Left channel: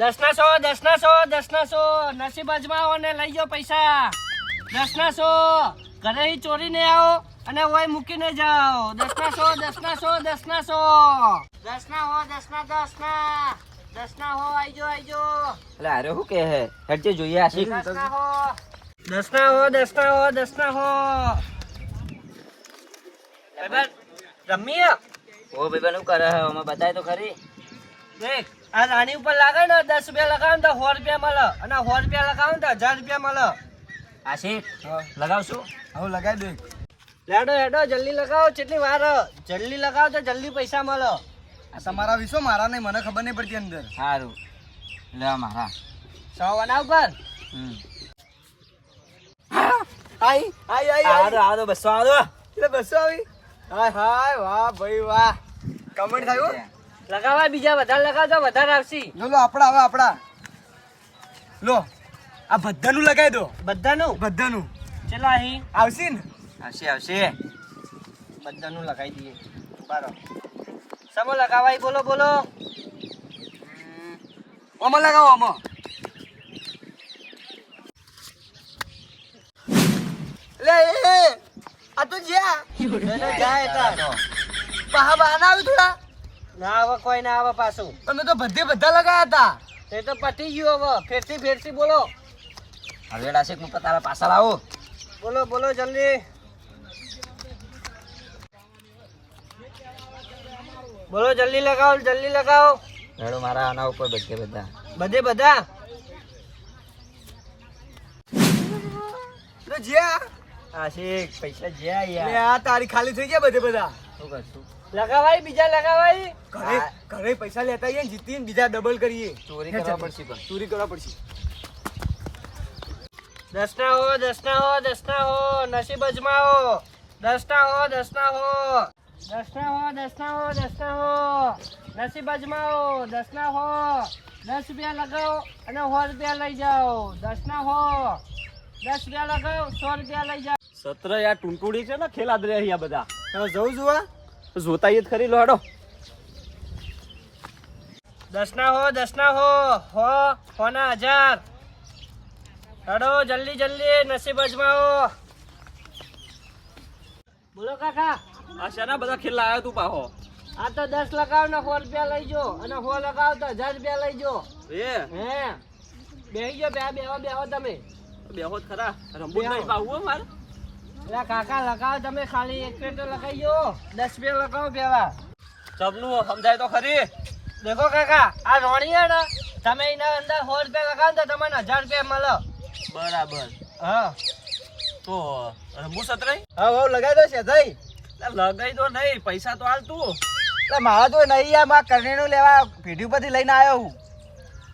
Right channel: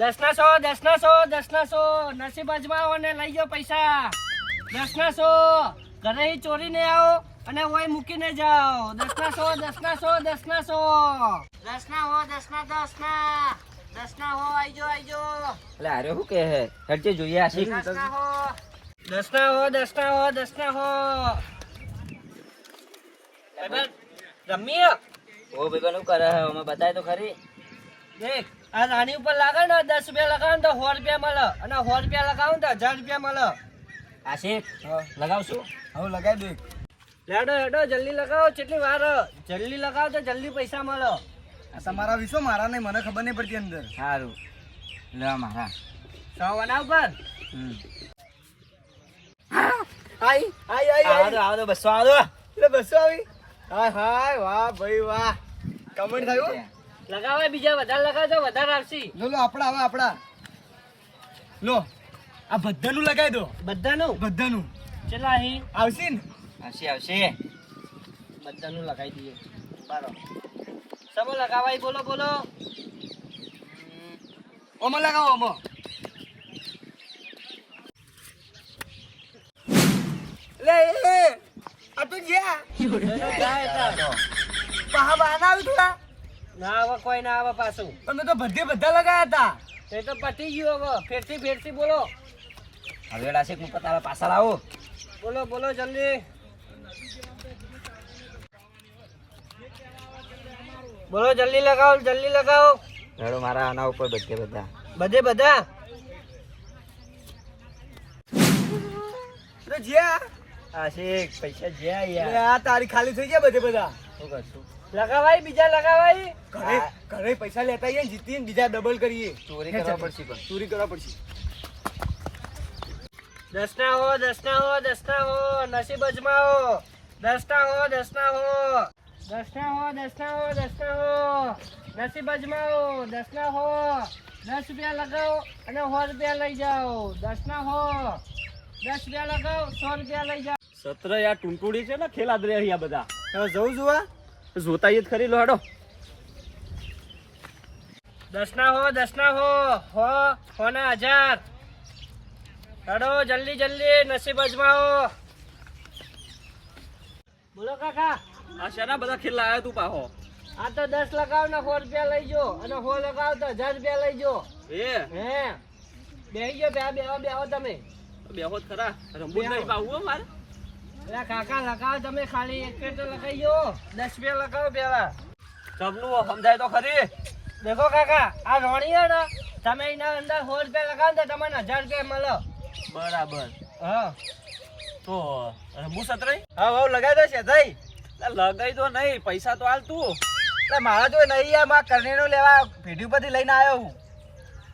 10 ના 100, 10 ના 100, 10 ના 100. નસીબ અજમાવો ને લઈ જાઓ પૈસા. 10 ના 100. ઘરે ચોરીને આવો અને ઓય મૂકીને જાઓ. 10 ના 100, 10 ના 100, 10 ના 100. 10 ના 10 ના 10 ના 100. આઈજો આઈજો. એટલે અરે શું કે હે હરજે જોઈએ આશિક 10 ના 100, 10 ના 100, 10 ના 100, 10 ના 100. ભાઈ રમી ઓ ભાઈ શું કરે હે અમે બતાય તો ખરી. દેખ આ રાણી ઉપર લાગે ને 10 રૂપિયા લગાવો ને તો 100 રૂપિયા મળે અને 100 રૂપિયા લગાવો ને તો 1000 રૂપિયા મળે. આશિક લગાવશું. હવે લગાવી દે. હેડો હેડો જલ્દી લગાવો. કેટલી વાર જલ્દી લગાવો તો જલ્દી પૈસા મળે. આ તમારા વિશ્વ મારા નહીં, મને ખબર નહીં પડતી અંદર. સારું લેવા મારા 100 વના ઉપર. આઈ આઈ આઈ આવો આવો 200 આવો. એટલે 200 આવી. હાય હાય વાહ ભાઈ વાહ. કમેન્ટ થયું. લગાવા બીજા વધારે લગાવજો વધારે આવશે. લો લો આપડા હવે આપડા લો આ બધાનું લગાવી દો. બધાનું બધાનું ચલો અહીં આવશે ને. આવશે આવશે. બધાનું લગાવી દઈએ. બરાબર સમો લગાવાય બોલો બોલો. ઓમાં લગાવો ઓમાં. લે એ આ તો જ્યાં બહા બહાના આવી થોડા. ના આવે કોઈ ના આવે પાછું. તમે તો બધા લગાયા હતા. તે તો પતી ગયું હવે. ફેરથી બોલો હવે આશિક હું તારા પાછળ આવું. બોલો બોલો જલ્દી બોલો. જલ્દી લગાવો. હેડો મારા આના ઉપર બધા બધા તો જ્યાં આશિક પૈસા જ્યાં લે યાર. આ તારી ખાલી થઈ ગયા બધા. શું કરશું. લગાવાય બીજા લગાવાય. ઘરે પૈસા લેતા આવીએ ને જીતીને બીજા ડબલ કરીએ. ચોરી કરવા પડશે પણ. ચોરી કરવા પડશે. 10 ના હો 10 ના હો 10 ના હો. નસીબ અજમાવો. 10 ના હો 10 ના હો 10 ના હો 10 ના હો 10 ના હો. નસીબ અજમાવો. 10 ના હો. 10 રૂપિયા લગાવો અને 100 રૂપિયા લઈ જાઓ. 10 ના હો 10 રૂપિયા લગાવો 100 રૂપિયા લઈ જાઓ. સત્ર યાર ટુંટુડી છે ને ખેલાદ રે અહીંયા બધા હવે જવું જોવા. જોતા જ ખરી લો હેડો. 10 ના હો 10 ના હો ના 1000. હેડો જલ્દી નસીબ અજમાવો. બોલો કાકા. આ શાના બધા ખેલ આવ્યા તું પાહો. આ તો 10 લગાવ ને 100 રૂપિયા લઈ જો અને 100 લગાવ તો 1000 રૂપિયા લઈ જો. એ બેહી ગયો બેહો તમે. બેહો જ ખરા રંબુ નહીં પાવું મારે. એટલે કાકા લગાવો તમે ખાલી એક પેર તો લગાવી જો. 10 પેર લગાવો પેલા. ચબલું સમજાય તો ખરી. દેખો કાકા આ રોણી હે ને તમે એના અંદર 100 રૂપિયા લગાવો તો તમને 1000 રૂપિયા મળે. બરાબર. હા તો રંબુ સતરાઈ હા લગાવી દો છે થઈ. લગાઈ તો નહીં પૈસા તો હાલ તું. મારા તો નહીં યાર, મારા કરણીનું લેવા પેઢી ઉપરથી લઈને આવ્યો હું.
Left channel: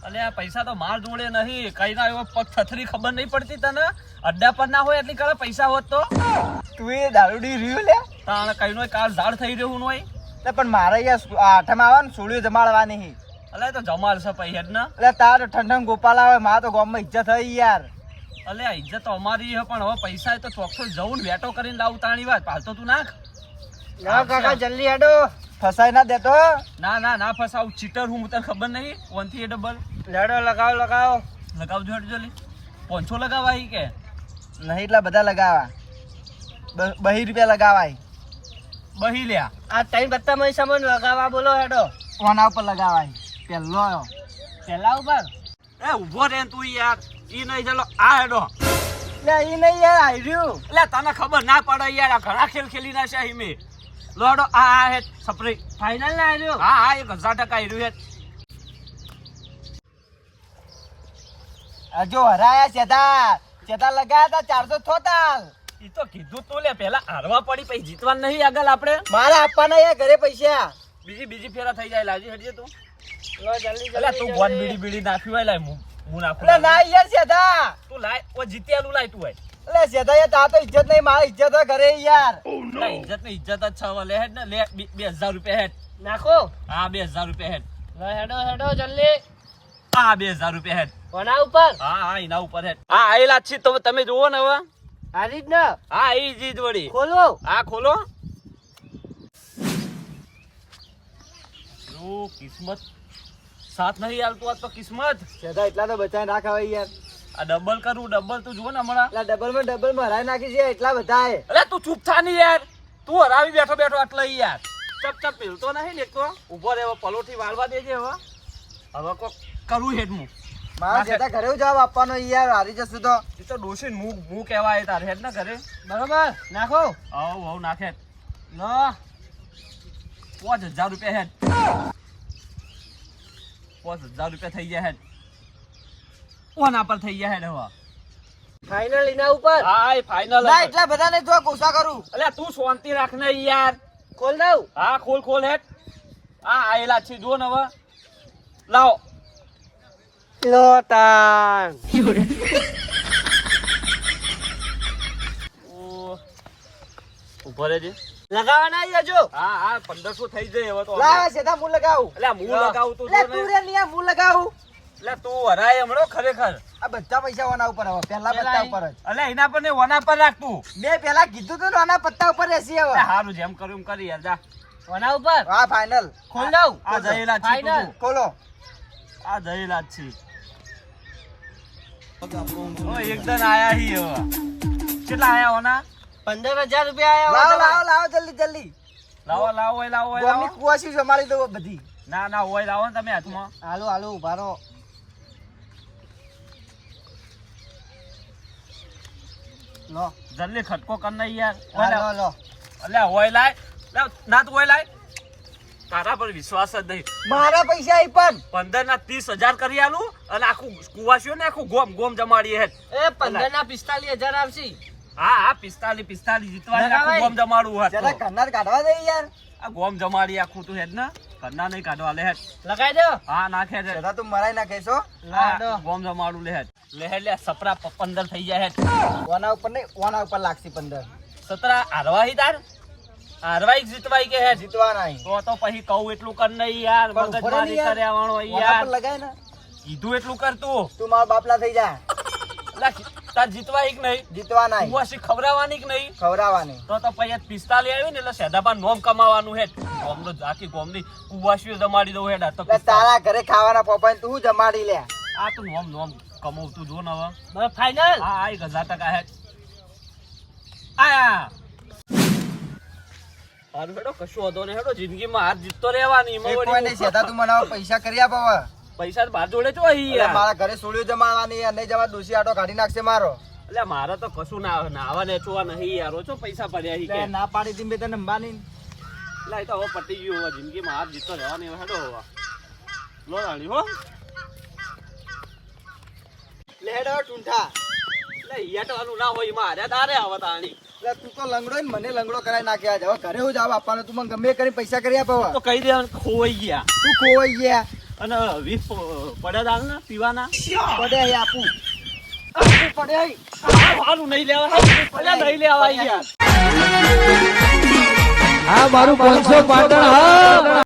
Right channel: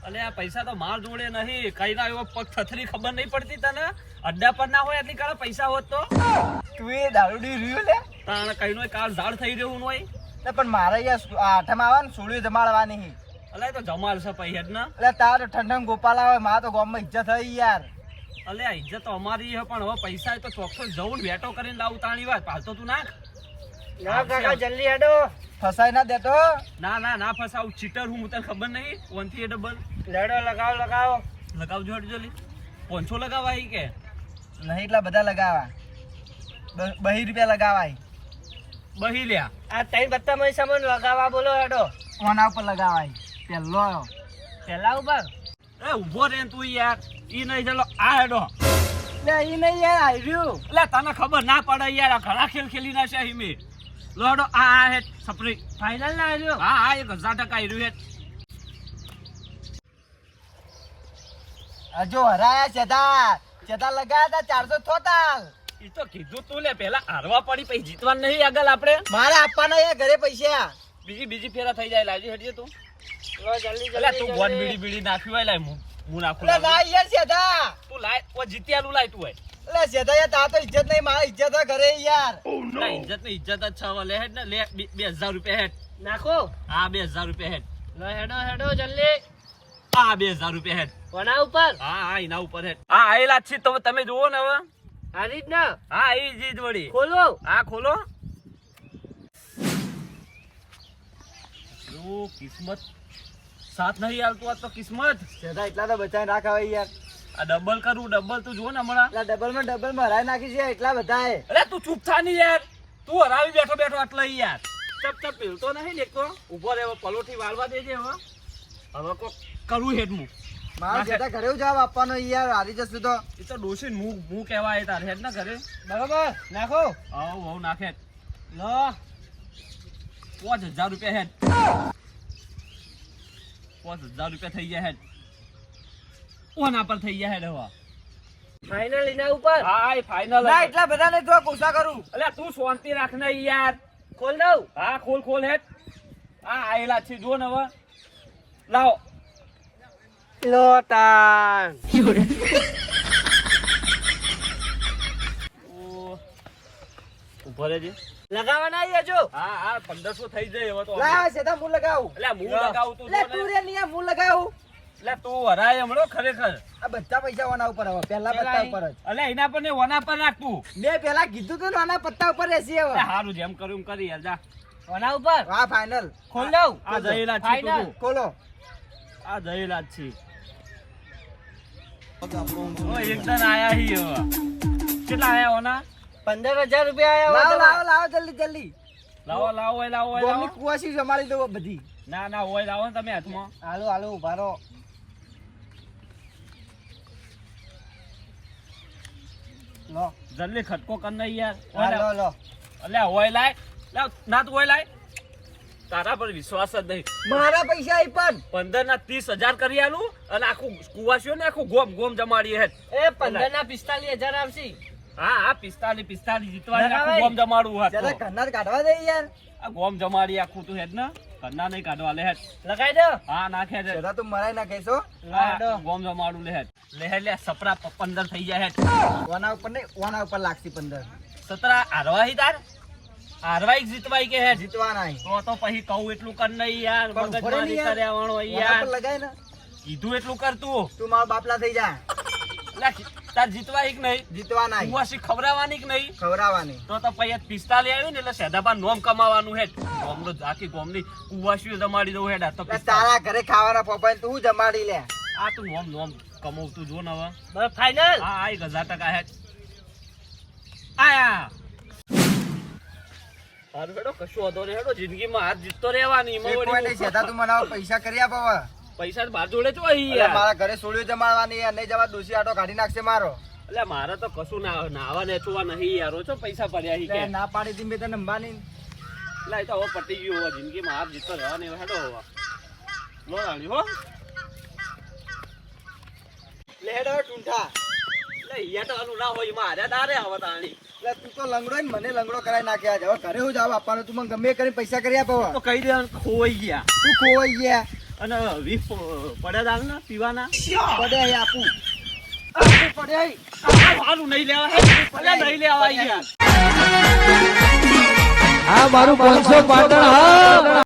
અલે આ પૈસા તો માર જોડે નહીં. કઈ ના એવો પગ થથરી ખબર નહીં પડતી તને. અડ્ડા પર ના હોય એટલી કાળે પૈસા હોત તો તું એ દારૂડી રહ્યું લે. તાણે કઈ નો કાળ ઝાડ થઈ રહ્યું હોય. પણ મારે યાર આઠમાં આવે ને સોળીઓ જમાડવાની. અલે તો જમાલ છે પૈ હેડ ના. એટલે તાર ઠંડમ ગોપાલ આવે, મારા તો ગામમાં ઇજ્જત થઈ યાર. અલે આ ઇજ્જત તો અમારી છે પણ હવે પૈસા તો ચોખ્ખો જવું વેટો કરીને લાવું તાણી વાત. પાલતો તું નાખ. ના કાકા જલ્દી હેડો. ફસાઈ ના દેતો. ના ફસાવું. ચીટર હું તને ખબર નહીં. 1 થી ડબલ હેડો લગાવો. લગાવજો હેડ જલ્દી. 500 લગાવાય કે નહીં એટલા બધા લગાવા. 2 રૂપિયા લગાવાય. બહી લ્યા. આ 3 પત્તા માં સામાન લગાવવા બોલો હેડો. ઓના ઉપર લગાવાય. પહેલો પેલા ઉપર એ ઉભો રે તું યાર. ઈ નહીં ચાલો આ હેડો. એટલે એ નહીં યાર આવ્યું. એટલે તને ખબર ના પડે યાર. આ ઘણા ખેલ ખેલી ના છે હિમે. લોડો આ હેડ સપરી ફાઇનલ ના આવ્યો. હા 1000% આવ્યું હેડ. જો હરાયા ચેતા લગાયા હતા 400 થોતા. ઈ તો કીધું તું લે પેલા હારવા પડી પછી જીતવાનું નહીં આગળ આપણે. મારે આપવાના યાર ઘરે પૈસા. બીજી ફેરા થઈ જાય. લાજી હેડજે તું. લો જલ્દી એટલે તું બોન બીડી નાખ્યું હોય લાય હું નાખું. એટલે ના યાર ચેતા. તું લાય ઓ જીત્યાલું લાય તું હોય. એટલે ચેતા યાર તા તો ઇજ્જત નહીં, મારી ઇજ્જત હોય ઘરે યાર. ઇજ્જત ની ઇજ્જત જ છે. લે હેડ ને લે 2000 રૂપિયા હેડ. નાખો. હા 2000 રૂપિયા હેડ. લો હેડો જલ્દી. હા 2000 રૂપિયા હેડ. કોના ઉપર? હા એના ઉપર હેડ. હા આયેલા છે તો તમે જોવો ને હવે. આ રીત ના. હા એ જીત વળી. ખોલો. હા ખોલો. જો કિસ્મત સાથ નહીં આલતું આ તો કિસ્મત. શેઠા એટલા તો બચાવી નાખ હવે યાર. આ ડબલ કરું ડબલ તું જો ને હમણાં. એટલા ડબલમાં હરાઈ નાખી છે એટલા બધા હે. અરે તું ચૂપ થા ને યાર. તું હરાવી બેઠો બેઠો એટલે યાર. ચપ ચપ પીલતો નહીં ને એક તો. ઊભો રહેવો પલોઠી વાળવા દેજે હવે. હવે કોક કરું હેડ હું. મારા શેઠા ઘરે જવાબ આપવાનો યાર હારી જશું તો. એ તો ડોશી હું કહેવાય તારે હેડ ને ઘરે. બરોબર નાખો. હવ નાખે. લો 5000 રૂપિયા હેડ. 5000 રૂપિયા થઈ ગયા હેડ. ઓના પર થઈ ગયા હેડ હવે. ફાઇનલ એના ઉપર. હા એ ફાઇનલ. ના એટલા બધા ને તો કોસા કરું. અલ્યા તું શાંતિ રાખ ને યાર. ખોલ દઉં. હા ખોલ હેડ. હા આયેલા છે જો ને હવે. લાવો. લોટાન. ઉભો રહેજે. લગાવવાના આયા જો. હા 1500 થઈ જાય હવે તો. લાવ શેઠા હું લગાવું. અલ્યા હું લગાવું તું લે જો તું ને. રે નિયા હું લગાવું. અલ્યા તું હરાય હમણો ખરેખર. આ બધા પૈસા ઓના ઉપર હવે પહેલા પેલા પત્તા ઉપર જ. અલ્યા એના પર ને ઓના પર રાખતું. મેં પહેલા કીધું તું ને આના પત્તા ઉપર રહેશે હવે. હારું જેમ કર્યું એમ કરી યાર જા. ઓના ઉપર. હા ફાઇનલ. ખોલ દઉં. આ જયેલા છે ફાઇનલ. તું. ખોલો. આ જયેલા જ છે. ઓ એકદમ આયા હી હવે. કેટલા આયા ઓના? 15000 રૂપિયા આયા લાવો હોય લાવો જલ્દી. લાવો ઓય લાવો. ગોમની કુવાસી સંભાળી દો બધી. ના ઓય લાવો ને તમે હાથમાં. હાલો ઉભા રહો. લો જલ્દી ખટકો કર નહીં યાર. હા, લો અલ્યા ઓય લાય. ના તું ઓય લાય. તારા પર વિશ્વાસ જ નહીં. મારા પૈસા આઈ પણ 15 ના 30000 કરી આલું અને આખું કુવાસીઓ ને આખું ગોમ જમાડીએ હેડ. એ 15 ના 45000 આવશે. હા 45 જીતવા આખું લગાવાય. ગોમ જમાડવું જરા હતું. કન્નર કાઢવા દે યાર. આ ગોમ જમાડી આખું તું હેડ ને. કરના નહીં કાઢવા લે હેડ. લગાઈ દો. હા નાખે હેડ. જરા તું મરાઈ નાખેશો. લાડો. ગોમ જમાડું લે હેડ. લે હેડ લે સપરા 15 થઈ જાય હેડ. ઓના ઉપર નહીં ઓના ઉપર લાગશે 15. 17 હારવાહી તાર. હારવાઈ જીતવાઈ કે હેડ. જીતવા નહીં. તો પછી કહું એટલું કર નહીં યાર. પણ ઉભો રહે ને મગજમારી યાર. કર્યા વાળો ઓના યાર. પર લગાય ને. કીધું એટલું કર તું. તું મારા બાપલા થઈ જા. લે તાર જીતવાઈ કે નહીં. જીતવા નહીં. કુવાસી ખવડાવવાની કે નહીં. ખવડાવવાની. તો પછી 45 આવ્યું ને એટલે સેદાબા નોમ કમાવાનું હેડ. ગોમનો આખી ગોમની કુવાસીઓ જમાડી દઉં હેડ. આ તો એટલે 45. તારા ઘરે ખાવાના પોપાઈ તું જમાડી લે. આ તું નોમ કમાવતું જો ને હવે. બસ ફાઇનલ. હા આ 1000% હેડ. આયા હારું હેડો કશું હતો ને હેડો જિંદગીમાં હાર જીતતો રહેવાની. એમાં એક વળી કોઈ નહીં શેઠા તું મને હવે પૈસા કરી આપ હવે. પૈસા બાર જોડે ચો અહીં એટલે યાર. મારા ઘરે સોળીઓ જમાડવાની યાર નહીં જમા દોશી આટો કાઢી નાખશે મારો. એટલે મારે તો કશું નાવા નેચવા નહીં યાર. ઓછો પૈસા પડ્યા હી કે. એટલે ના પાડી દી મેં તને અંબાની. એટલે એ તો હવે પટી ગયું હવે જિંદગીમાં હાર જીતતો રહેવાની હવે હેડો હવે. લો રાણી હો. લે હેડ હવે ટૂંઠા. એટલે ઈયા તો આનું ના હોય એમાં હાર્યા તારે હવે તાણી. એટલે તું તો લંગડો ને મને લંગડો કરાવી નાખ્યા છે. હવે ઘરે હું જવાબ આપવાનો તું મને ગમે એ કરીને પૈસા કરી આપ હવે. તો કહી દેવાનું ખોવાઈ ગયા. તું ખોવાઈ ગયા. અને 20 પડ્યા દાલ ને પીવાના. પડે અહીં આપું. આપું પડે અહીં. સારું નહીં લેવા. નહીં લેવા યાર. આ મારું 500 પાટણ હા.